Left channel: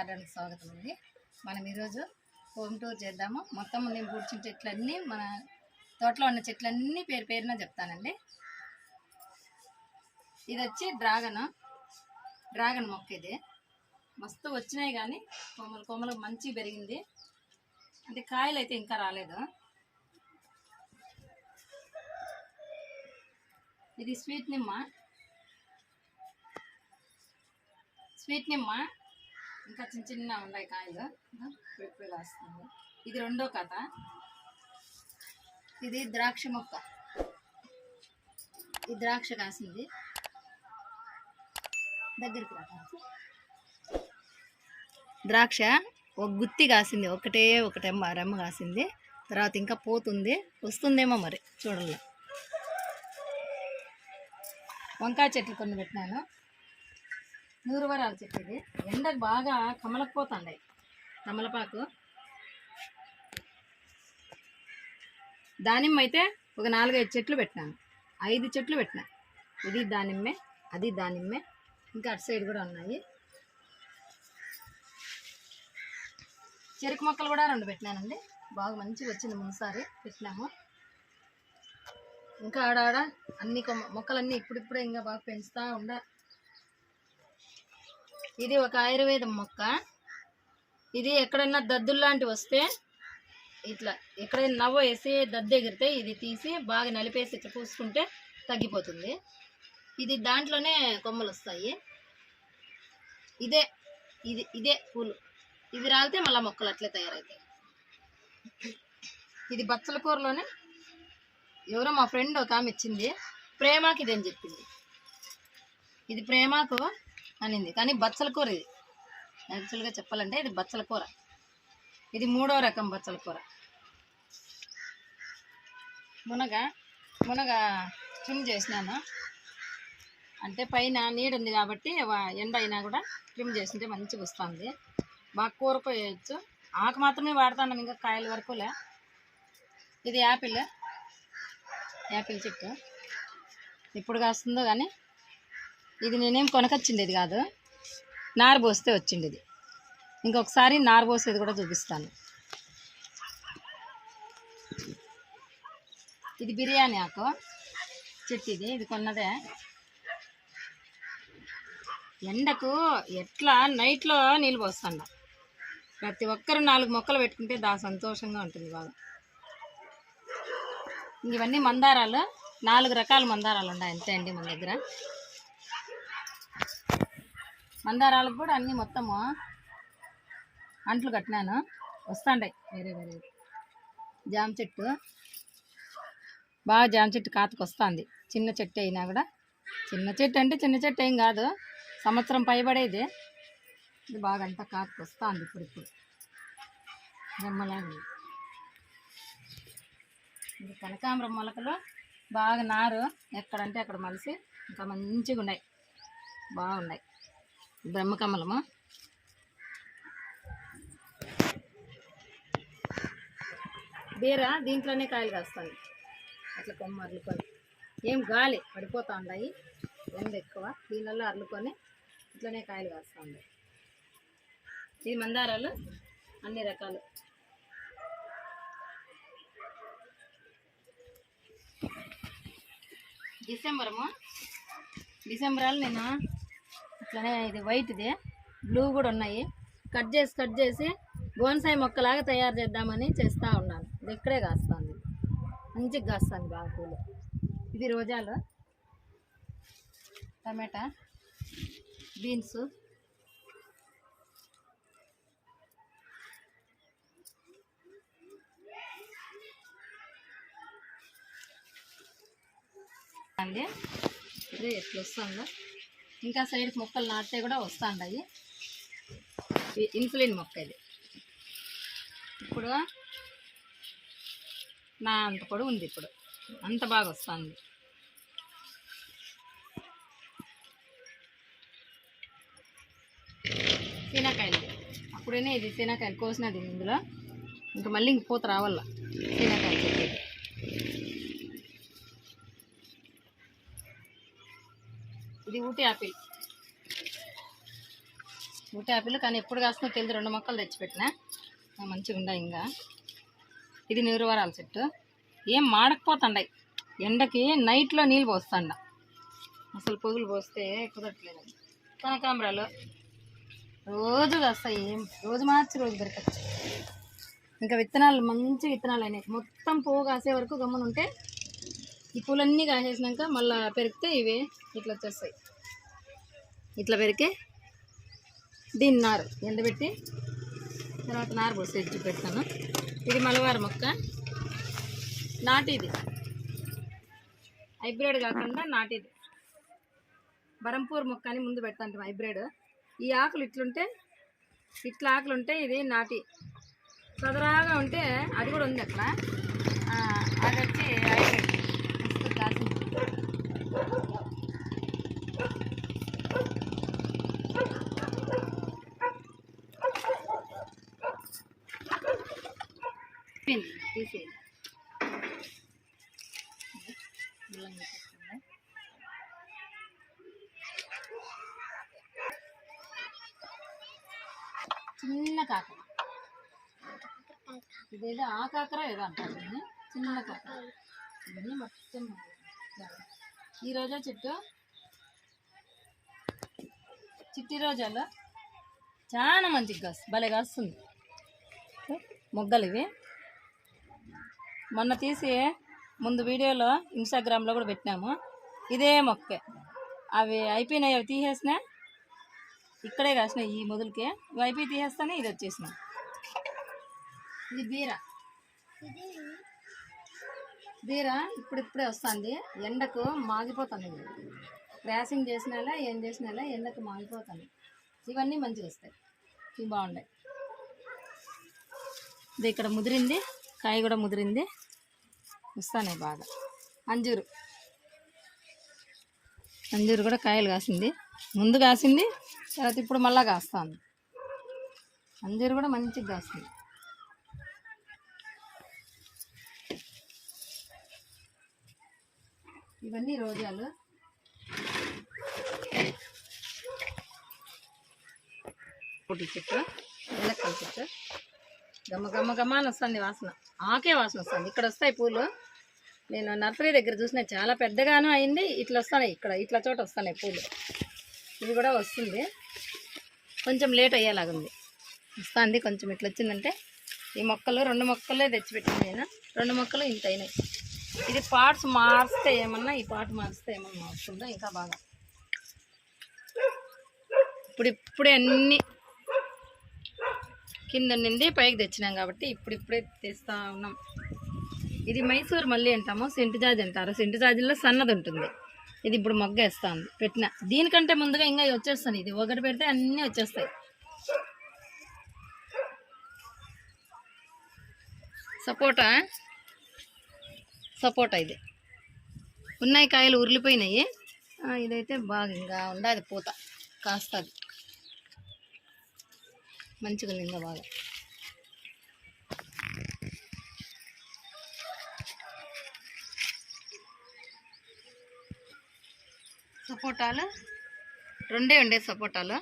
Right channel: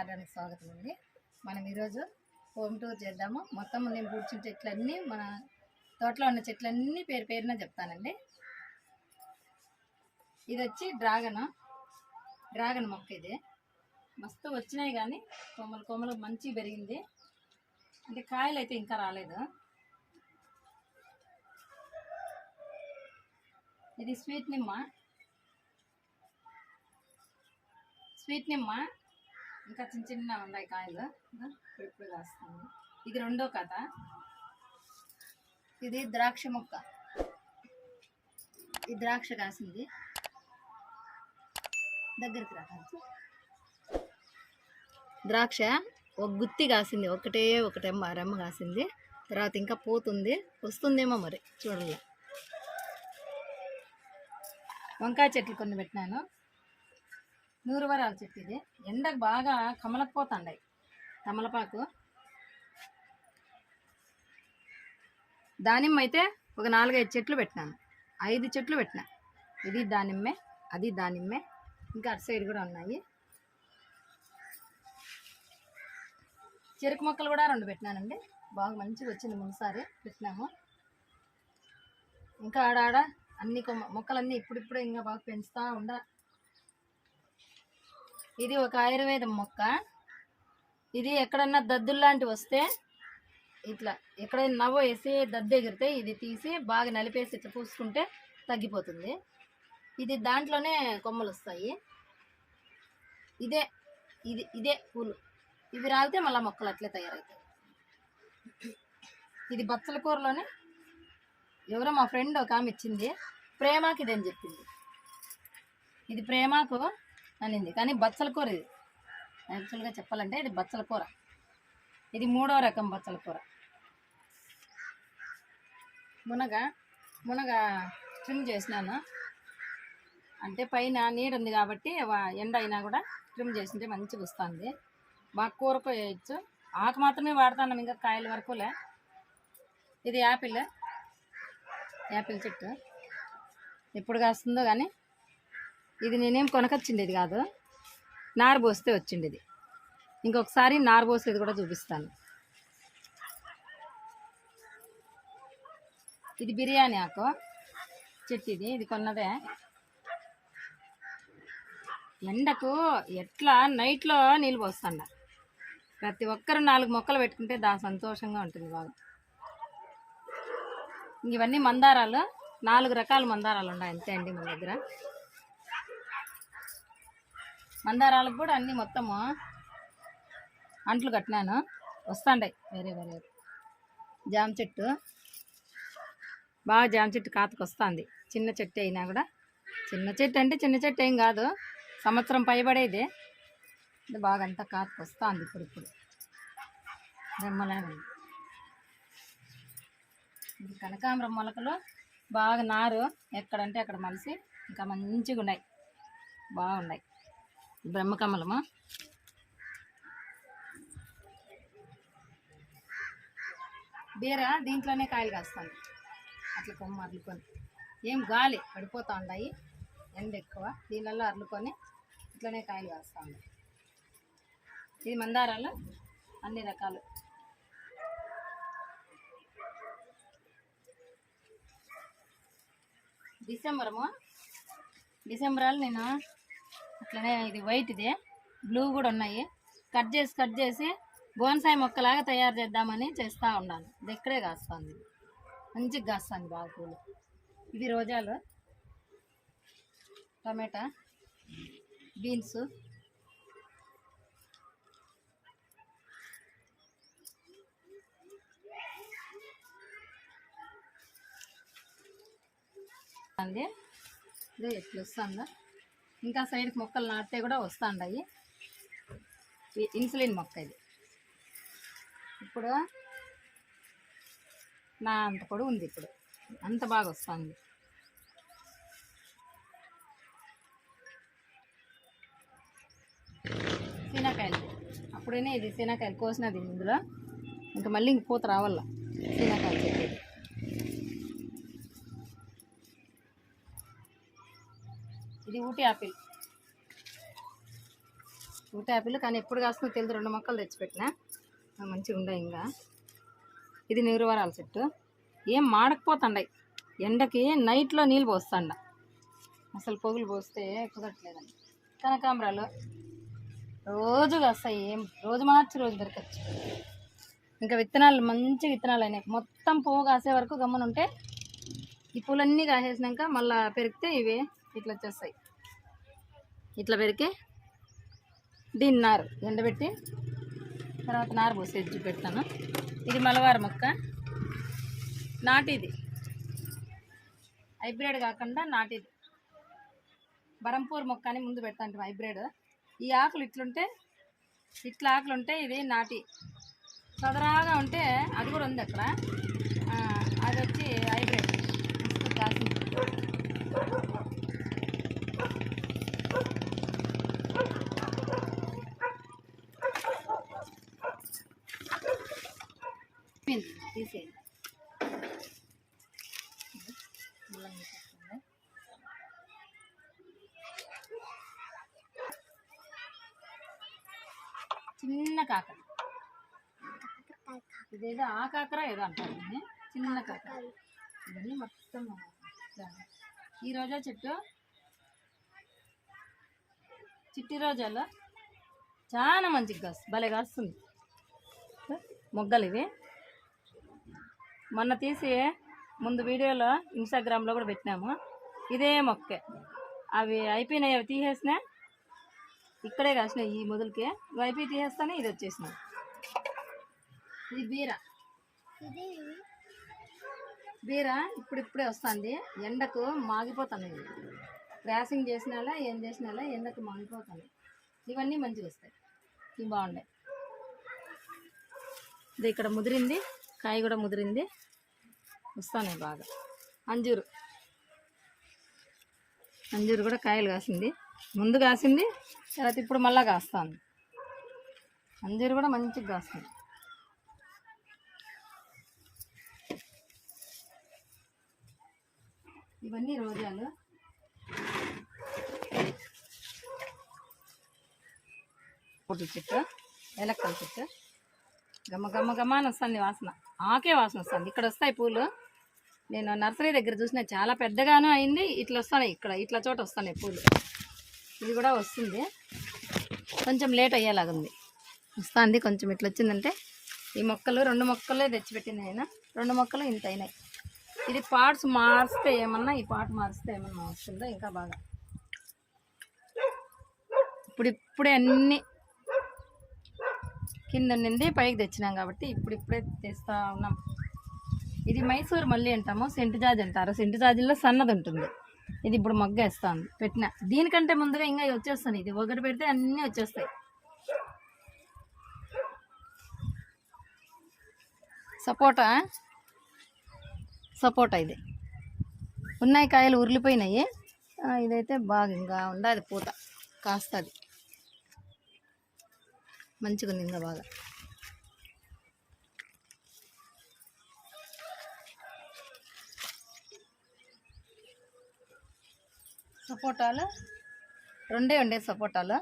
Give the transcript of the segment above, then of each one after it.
గార్డెన్కి స్వాగతం అండి. మనం ఈరోజు హోమ్ టూర్ చేద్దాము. మొత్తం నేను పూడ్చిన చెట్లన్నీ, మన తోటలో ఉన్న చెట్లన్నీ పేరు పేరున చెప్తానండి. ఇది వచ్చి డ్రాగన్ మొక్క. ఇది మస్తు వచ్చినాయి కానీ కొమ్మలు మంచి పెరిగింది. అంటే కాయలు అయితే ఇంకా రాలేదు. ఇది స్వీట్ నిమ్మ ఇంకా చిన్న ఉన్నాయి కాయలు, ఇప్పుడు కాస్తుంది. ఇది రెండో కథ. ఇది ద్రాక్ష మొక్క. ఈ ద్రాక్ష కాసింది, దగ్గరికి రా. ద్రాక్ష ఒక గుత్తి కాసింది, ఒకటే రెమ్మ కాసింది. తర్వాత ఇంకా పోతుంది, వస్తుందేమో మరి చూడాలి. వంకాయ చెట్లు కొన్ని పెట్టినాను. నూరువరాల చెట్టు. ఇది ఎండకు బాగా కమలకపోతాయి. కమలపాకు. దానిమ్మ అయితే ఒక 4-5 చెట్లు పెట్టినాను. 5 చెట్లు పెట్టినా. ఇది దానిమ్మే, అది దానిమ్మే, ఇంకా అటు సైడ్ కూడా ఉన్నాయి. చెరుకు మొక్కలు కూడా 2 పెట్టినానండి. బాగా మంచిగా వచ్చింది. ముందుసారి పెట్టినాము. ఇంకా ఆడాడ అన్ని మొక్కలన్నీ ఇప్పుడిప్పుడే ఇంకా బాగా పెంచుతూ ఉండ. ఇది ఒక ఆయుర్వేదం మొక్క. ఇది ఎక్కడన్నా దద్దుల్లాంటివి వస్తే, ఇట్లా ఎక్కడైనా నవ్వు వేసి దద్దు ఎగిరితే ఇది తీసి బాగా నలిపేసి ఇట్లా పూసుకుంటే తగ్గిపోతుంది. ఇది దాంట్లోనే కొమ్మలు వస్తాయి. ఇదే పూలు. ఇది రాలితే మళ్ళీ మొక్కలు అట్లే తయారవుతాయి. ఇది బచ్చల కూరలోనే ఎవరో మా ఫ్రెండ్ ఒక ఆమె ఇచ్చింది. ప్రేమాకు ఇదని చెప్పింది. ఇది ప్రేమాకు అనింది, కానీ బచ్చల కూర. ఇది యాక్చువల్గా చెప్పాలంటే ఇది బచ్చల కూర. ఇది 3వ రకం బచ్చల కూర. మునగ ట్రిమ్ చేసినాను. అంటే పైన నీడ ఉంది కాబట్టి ఎండ అయినా కూడా ట్రిమ్ చేసింటే మంచిగా వస్తుంది. బాగా కూరకు వేయచ్చు. ఆకు మాత్రమే వాడుతున్నాం, ఇంకా కాయల వరకులే. ఇది యాపిల్ చెట్టు. ఎప్పుడు కాస్తుందో కానీ ఇది నేనేం కొనకొచ్చింది. ఇది కాదు, నారు పోస్తే వచ్చింది. ఇది ఇంకొకసారి నారు పోసేది కూడా చూపిస్తాను. ఇది బిర్యానీ ఆకు చెట్టు. ఇది కొన్నదే. ఎండకు ఎట్లా నైట్లో నీళ్ళు పోస్తాండ. ప్రతి ఒక్కరు 4 మొక్కలు పెట్టుకుంటే సంతోషంగా ఉంటుంది బాగా. ఇవన్నీ మందారాలు. 4 రకాల మందారాలు ఉన్నాయి అంతే అండి మన దగ్గర. మందారాలకు కూడా అన్నీ మొత్తము అంట్లు కట్టినాను, వస్తాండాయి వేరే. జామ చెట్టు బాగా, జామ చెట్టు కాతకు వస్తుంది. చిన్న చెట్టు అయినా కూడా, చిన్న చెట్టు ఏం కాదు, సంవత్సరం పైబడేది. ఇది బాగా అంతా కాతకు వస్తుంది ఇప్పుడు రెమ్మలాగా. ఇది కనకాంబరం మొలకలు బాగా నారు ఎక్కడంటే అక్కడ మలిసి ఇంకా మంచిగా ఉన్నాయి, బాగున్నాయి. బ్రహ్మకమలము. బీర దీంట్లోనే కాయలు కాస్తాయి. అట్లా కొమ్మ అర్లుకొని, ఏం గాలి పడిపోతూ ఉన్నాయి, ఎండ ఎక్కువ. దీనివల్ల అర్లుకొని ఇట్లనే కాయలు కాస్తూ ఉన్నాయి. ఇది మందారాలు అన్ని రకాలు. డిసెంబరాలు నేను అట్లనే, ఇది వైట్, ఇది బ్లూ కూడా ఉన్నాయి. కట్ చేసి బోన్సాయి మొక్కలాగా తయారు చేద్దామని చేస్తూ ఉన్నాను. ఇది ఇక్కడే కాస్తుంది, మంచిగా కాస్తుంది బాగా పూలు. ఇది రోజాలు, టమాటా, బీన్స్, అండి. ఇదే ఎట్లా వస్తుందో. ఇంకా సైడ్కి మొక్కలు నాటితే కూడా వస్తుంటాయి. ఇన్సులిన్ మొక్క ఇది. ఇప్పుడు నా అంత పొడవు ఉంది, ఇప్పుడు అంత బాగా వస్తుంది. శనకాయలు అప్పుడైనా ఇది శనకాయలు కోసినది ఇందులో, ఇంకా మళ్ళీ ఇంక పూత రావాల. శనకాయలు చెట్టు. ఇది ఊటీ యాపిల్. ఊటి ఆపిల్ కానీ ఎప్పుడు కాస్తుందో తెలియదు. 2 మొక్కలు తెచ్చిపెట్టినా మంచిగా ఉన్నాయి. ఇంకా ఇది నిరువరాల చెట్టు. ఏం మాడకపోతుండయి. ఎండకి నైట్లో నీళ్ళు పోస్తాండ. అసలు పొగులు పోస్తే కుదరట్లేదండి. కనకాంబరాలు రోజు కాస్తాయి. ఏం రోజు మార్చి రోజు దొరకచ్చు. ఇంకా విత్తనాలు మంచి విత్తనాలు అయినాయి. మొత్తం పువ్వు కాసే వరకు గమ్మున ఉంటే ఈ పూలన్నీ కాసేసినాక మళ్ళీ పెరిగితే ఇవి ఇట్లా వచ్చేస్తాయి. ఇట్లా పెరిగి దీన్ని నారు ఎండబెట్టి తర్వాత నారు పోసి ఎజ్జి పెడతాను. ఇది మలబార్ మొక్క, నాటిది, హైబ్రిడ్ కాకుండా నాటిది. బరంపూర్ మొక్క అని ముందు పెడతాను హైబ్రిడ్. ఈ ఆకులు ఇట్లుంటే ఇట్లా ఆకులు ఉంటే ఇది నాటి. సదరాగా ఉంటే అది కూడా ఉంది అక్కడ, అది వచ్చి హైబ్రిడ్ కాసింది. తీసేది చిన్న కాకర, ఇదేదో ఆ కాకర ఏదో అంటారు దీన్ని, చిన్న కాకర. ఇవన్నీ మొత్తం ఈ రోజా చెట్టు, చిట్టి రోజాలో చాలా మంచిగా కాస్తుంది, భలే కాస్తుంది. మొగ్గలు ఇవి మొన్న తీసి ముందు వీడియోలో ఇన్స్టాగ్రామ్లో కూడా పెట్టినాము. ఇదే మొక్కే, అవి అయిపోయినాయి, అవి తీసేసినా ఇక్కడే కాసినాయి. ఈ మొదలుకే ఇవి అయిపోయి తీసేస్తానే ఇది వచ్చేసినాయి. ఇది బీర, బీర ఇప్పుడిప్పుడే వస్తుంది. ఎండకు మాగిపోతుంది. క్రాసింగ్ చేసినాలా ఏం చేసినాలా ఎండకు మాగిపోతుంది. ఇవన్నీ మంచిగా వస్తాయి, ఇవి బాగున్నాయి. ఇది ఇక్కడ ముదిరింది, కాయ కూడా ముదిరింది, వస్తాయి బాగా. అంజూరు, అంజూరు కూడా కాయలు కాసింది. ముందు కాసింది, తర్వాత ఇప్పుడు మళ్ళీ కాస్తుంది. అంజూరు కూడా మంచిగా కాస్తుంది. ఇవన్నీ రోజాలు. చెట్టు, ఎలక్కల చెట్టు, గమ్మ గమ్మ గమ్మ అని వస్తుంది వాసన, ఆకే వాసన వస్తుంది. ఇక్కడ వస్తాయి పూలు. నేను నర్సరీ దగ్గర చూసిన చాలా పెద్దగాను అయింది. ఇట్లా వస్తున్నాయి, ఇక్కడ ఇట్లా చోట వస్తున్నాయి పూలు. ఇది కూడా వస్తుంది, కొంచెం లేట్ అయ్యేలాగుంది. వస్తుంది కొంచెం. ఇట్లా వచ్చిందంటే ఈ మొక్కలు 2 మొక్కలే తెచ్చిపెట్టింది అయినా 2 మొక్కలు ఇంత అయినాయి. ఇది పార్ట్స్ మారిస్తే ఏమన్నా, ఈ పార్ట్ మారిస్తే ఏమన్నా వస్తుందో ఇంకా బాగా. ఇప్పుడే అన్నీ కింద నుండి పైకి తెచ్చినాం కాబట్టి ఇప్పుడిప్పుడే తెస్తూ ఉన్నాం. ఇది మైసూర్ మల్లి అంటాము, సెంటు జాజి అంటారు. సెంటు జాజిలో సన్నది ఉంటుంది. ఇది ఇప్పుడు మొగ్గ వేస్తుంది పెట్టిన. దీనికంటే ముందుగా ఇంకా వచ్చేస్తాను. ఇది ఒకటి పెడితే అన్నీ వచ్చేస్తాయి. సపోటా, సపోటా ఇది ఉన్నాయి, కాయలు ఉరిలిపోయినాయి. ఇదైతే బాగా ఇంకా ఉండదు, పూత కాస్తుంది మంచిగా ఉంది ఇంకా బాగా. సపోటాలు 2 ఉండే సపోటాలు.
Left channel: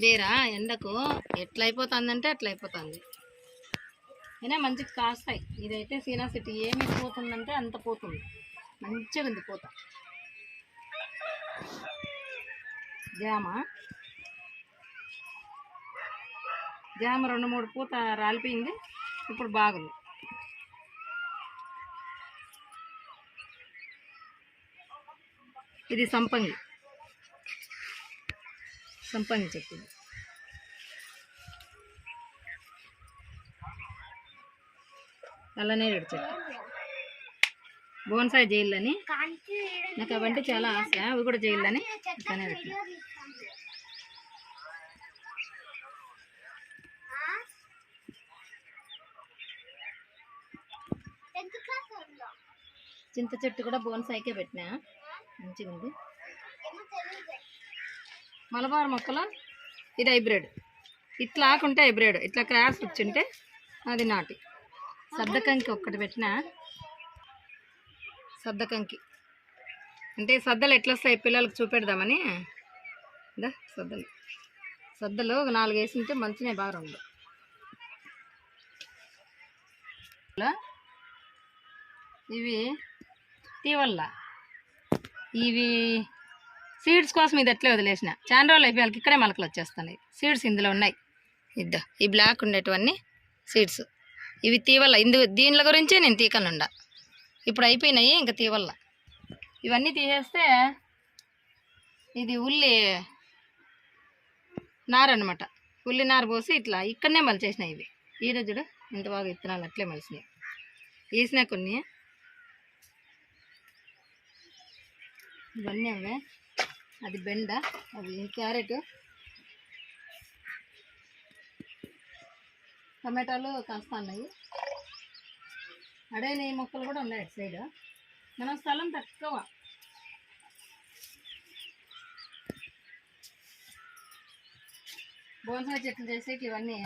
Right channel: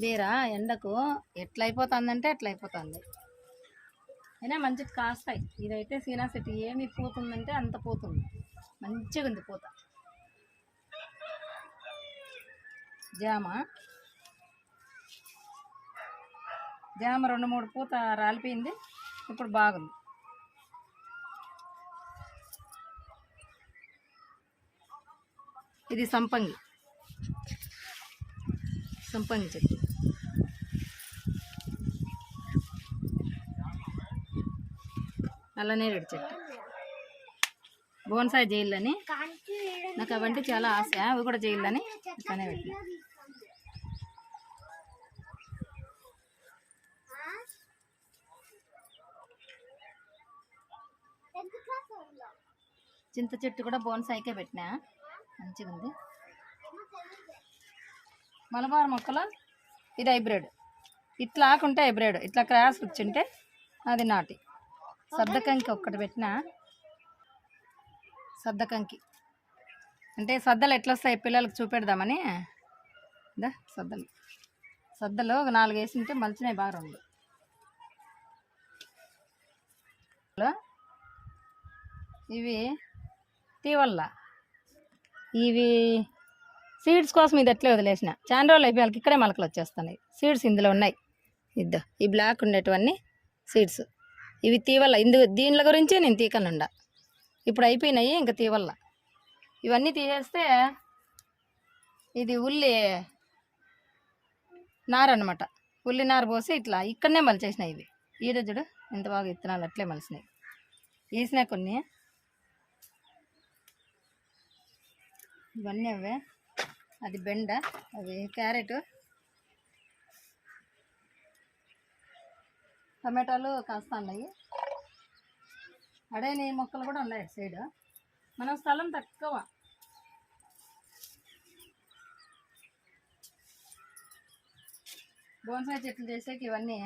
బీర ఎండకు ఎట్లా అయిపోతుందంటే అట్లా అయిపోతుంది. అయినా మంచిగా కాస్తాయి. ఇదైతే సీనా సిటీ ఏమి పోతుందంటే అంత పోతుంది, మంచిగా ఉంది పూత. జామ, జామ 2-3 పూత రాలిపోయింది, ఇప్పుడు బాగుంది. ఇది సంపంగి, సంపంగి చెట్టు. అల్లనేరేడు చెట్టు, బోన్సాయి చేయాలని నాకు అవంటే చాలా ఆశ. అవి కూడా చేయాలని అట్లనే పెట్టిన. చింత చెట్టు కూడా బోన్సాయికే పెట్టినా, మంచిగా ఉంది. మలబార్ మొక్కలు ఇది హైబ్రిడ్. ఇట్లా ఆకుంటే హైబ్రిడ్, ఇట్లా క్రాస్ ఇచ్చుంటే అది నాటి. సద్దకంకి ఒక్కటి పెట్టిన. సద్దకంకి అంటే సద్దలు ఎట్లా వస్తాయి పిల్లలకు చూపెడదామని. సద్దలు సద్దలు ఒక 4 వేసింటే మంచిగా బాగా రెండు. ఇవి తీవల్ల ఇవి సీడ్స్ కోసం ఇది ఎట్లా వదిలేసిన చాలా రోజులు అయిపోయాక ఇక్కడే మొలకలు వచ్చేస్తున్నాయి. సీడ్స్ ఇందులో ఉన్నాయి. ఈ బ్లాక్ ఉండేటివన్నీ సీడ్స్. ఇవి తీవల్ల దీనిల గురించే నేను తీకనుండా. ఇప్పుడు అయిపోయినాయి ఇంకా తీవల్ల. ఇవన్నీ తీసేస్తే ఇది ఉల్లి నార అనమాట. ఉల్లి నార పోసి ఇట్లా ఇక్కడనే మలిచేసినాయి. ఇవి ఈరోజుడు ఎంత బాగా విత్తనాలు అట్లే మలిసినాయి. వేసినా కొన్ని ఇవన్నీ అవే. అది బెండ, అది క్యారెట్, టమాటాలు కాస్త ఉన్నాయి. అడేని మొక్కలు కూడా ఉన్నాయి అటు సైడ్. మనం స్థలం తక్కువ. బోన్సాయి చెట్లు చేసేకి ఇవన్నీ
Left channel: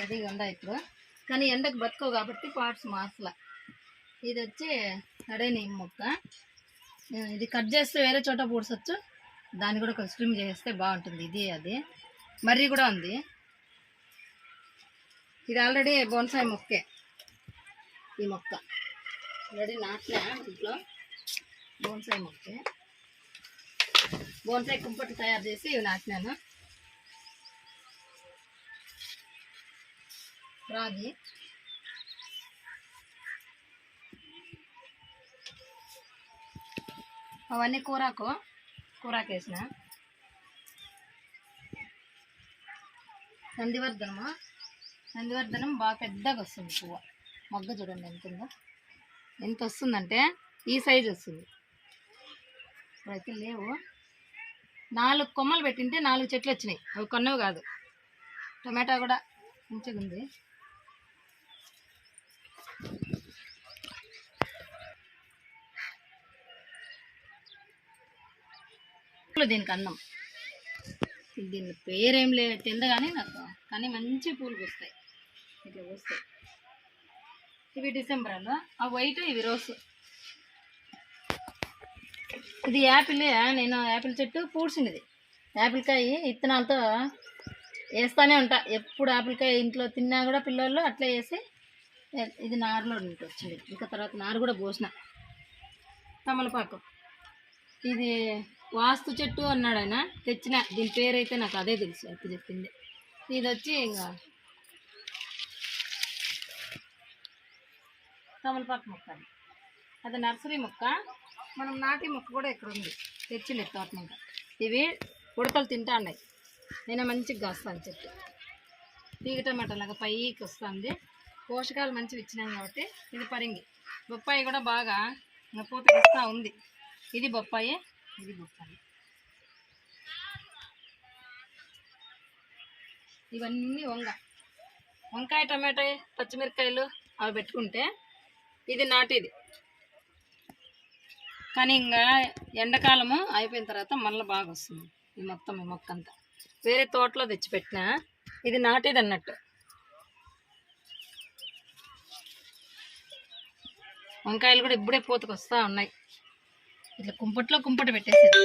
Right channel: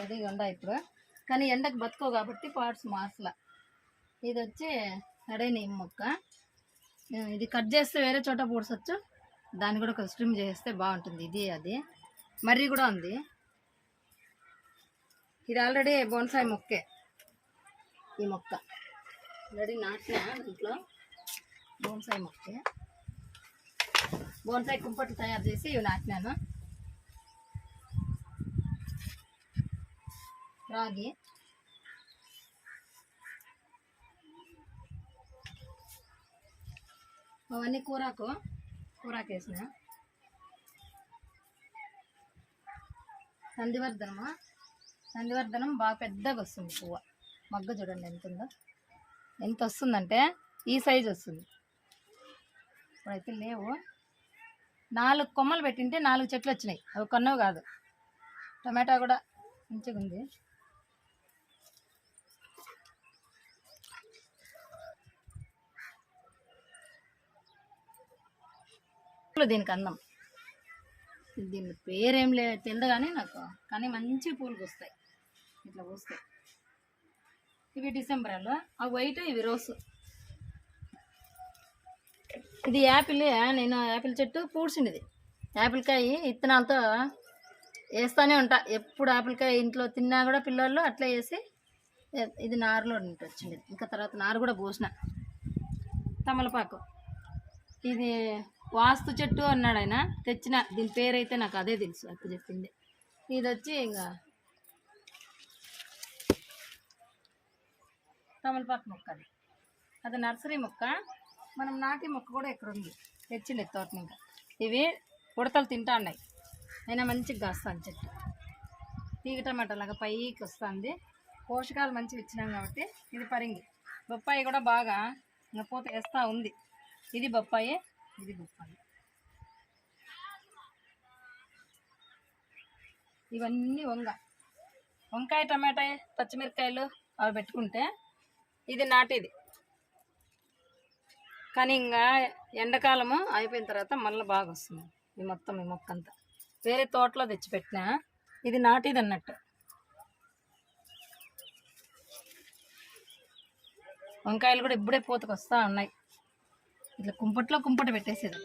రెడీగా ఉన్నాయి ఇప్పుడు. కానీ ఎండకు బతుకోవు కాబట్టి పార్ట్స్ మార్చలా. ఇది వచ్చి అడేని మొక్క. ఇది కట్ చేస్తే వేరే చోట పూడ్చవచ్చు. దాన్ని కూడా ఒక స్ట్రిమ్ చేస్తే బాగుంటుంది. ఇది అది మర్రి కూడా ఉంది. ఇది ఆల్రెడీ బోన్సాయి మొక్కే. ఈ మొక్క ఆల్రెడీ నాటినా ఇంట్లో. బోన్సాయి మొక్కే. బోన్సాయి కుంపట్లు తయారు చేసి ఇవి నాటినాను. రాగి, అవన్నీ కూరాకు వేసిన. నందివర్ధనం బాగా పెద్దగా వస్తుంది పువ్వు. మగ్గ చూడండి ఎంత ఉందో. ఎంత వస్తుందంటే ఈ సైజు వస్తుంది. ఇప్పుడైతే లేవు. 4 కొమ్మలు పెట్టింటే 4 చెట్లు వచ్చినాయి. అవి కొన్నవి కాదు. టమాటా కూడా మంచిగా ఉంది. దీనికి అన్నం. దీని పేరేం తింద కానీ నాకు, కానీ మంచి పూలు పూస్తాయి. ఇట్లా పూస్తాయి. ఇవి డిసెంబర్లో. ఆ వైట్, ఇవి రోసు. ఇది యాపిల్. నేను యాపిల్ చెట్టు పూడ్చింది. యాపిల్కాయ ఇత్తనాలతో వేస్తూనే ఉంటా. ఎప్పుడు యాపిల్కాయ ఇంట్లో తిన్నా కూడా పిల్లలు అట్లా వేసి ఇది నారులో వచ్చింది. ఇంకా తర్వాత నారు కూడా పోసిన. తమలపాకు ఇది వాస్తు చెట్టు అన్నాడు ఆయన. తెచ్చిన. దీని పేరైతే నాకు అదే తెలుసు. అప్పుడు చెప్పింది. ఇది వచ్చి ఇంకా తమలపాకు మొక్క. అది నర్సరీ మొక్క. మనం నాటి మొక్క కూడా ఇక్కడ ఉంది. తెచ్చిండే తోటని. ఇంకా ఇవి ఉడతలు తింటా ఉన్నాయి. అయినా మంచిగా కాస్తాను చెట్టు. తీగ టమాటా లాగా పైకి వస్తుంది. పోషకాలు మంచివి ఇచ్చినాం కాబట్టి. ఇది పరింగి. బొప్పాయి కూడా బాగా ఇంకా పూత వేస్తూ ఉంది. ఇది బొప్పాయి. ఇది బొప్పాయి. ఇవన్నీ వంకాయ, టమాటా, పచ్చిమిరకాయలు అవి పెట్టుకుంటే ఇది నాటిది. కానీ ఇంకా ఎండాకాలము అయిపోయిన తర్వాత మళ్ళీ బాగా వస్తుంది. ఈ మొక్క అంతా వేరే తోటలో తెచ్చిపెట్టినా. ఇది నాటిది అన్నట్టు. వంకాయలు కూడా ఇప్పుడే పూతకు వస్తూ ఉన్నాయి. ఇట్లా కుంపట్లో పెట్టేసేది.